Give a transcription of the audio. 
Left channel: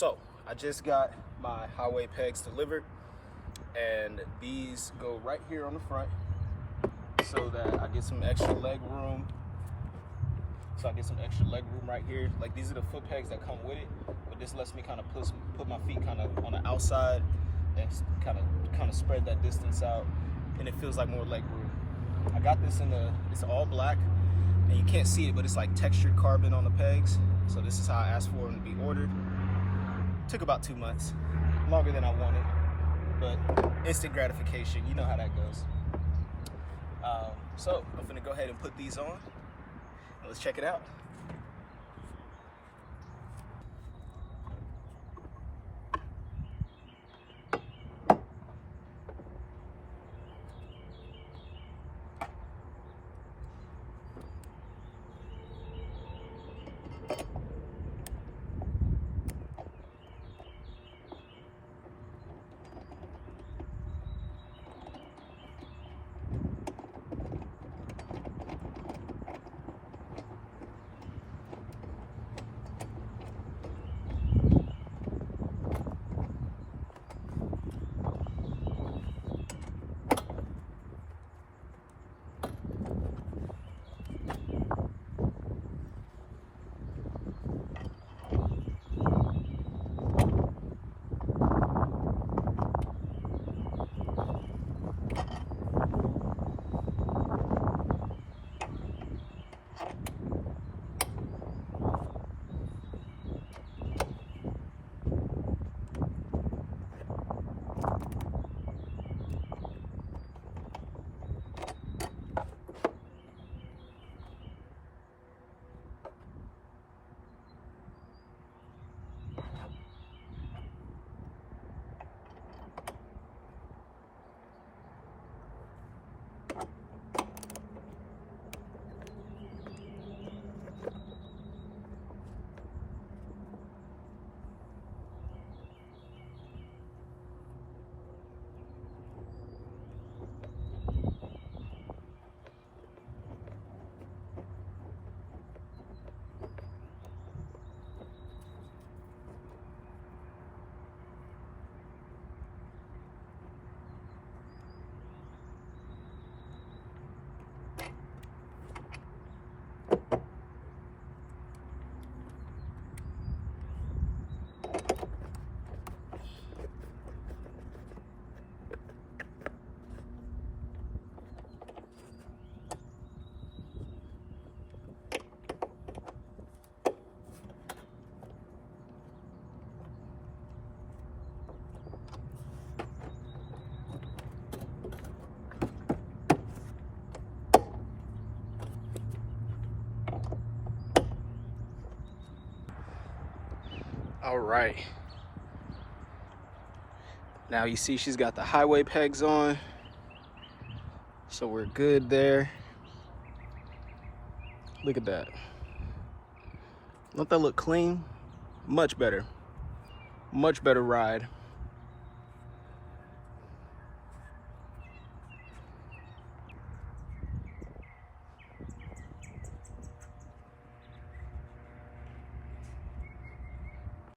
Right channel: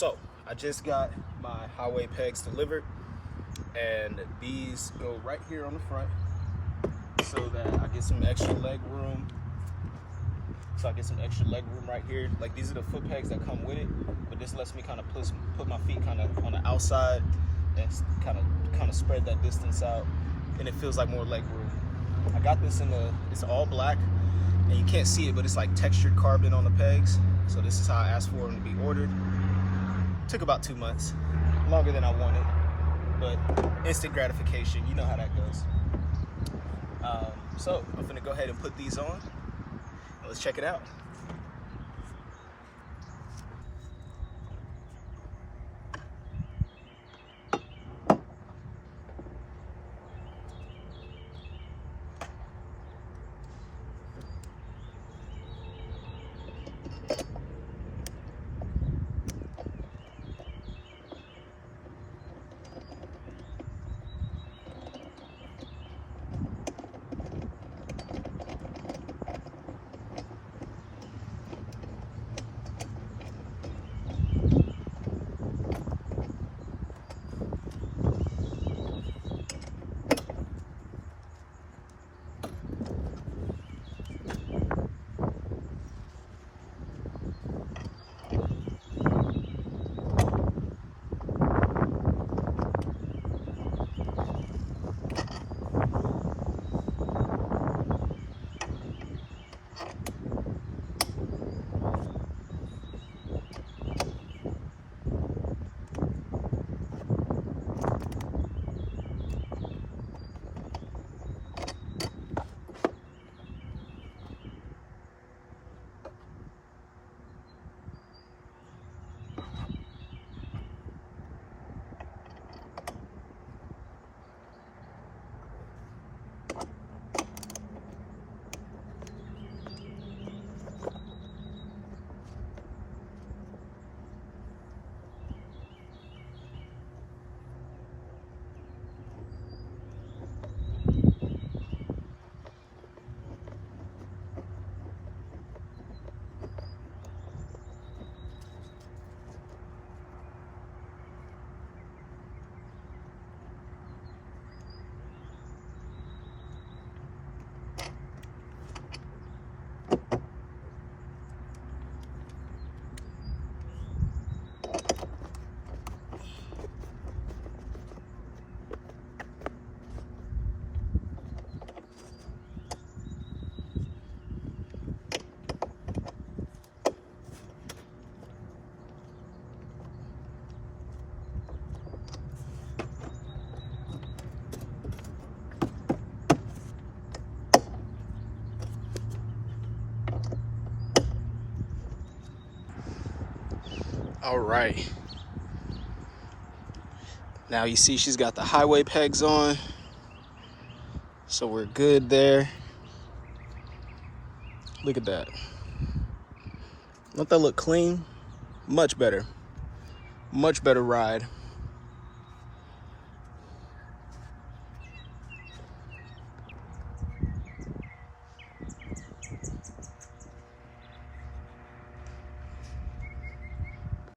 So I just got my highway pegs delivered, and these go right here on the front so that I get some extra leg room. Right here. Like, these are the foot pegs that come with it, but this lets me kind of put my feet kind of on the outside and kind of spread that distance out, and it feels like more leg room. I got this it's all black, and you can't see it, but it's like textured carbon on the pegs. So this is how I asked for them to be ordered. Took about 2 months, longer than I wanted, but instant gratification. You know how that goes. So I'm gonna go ahead and put these on, and let's check it out. All right, now you see she's got the highway pegs on, so we're good there. Look at that. Don't that look clean? Much better ride.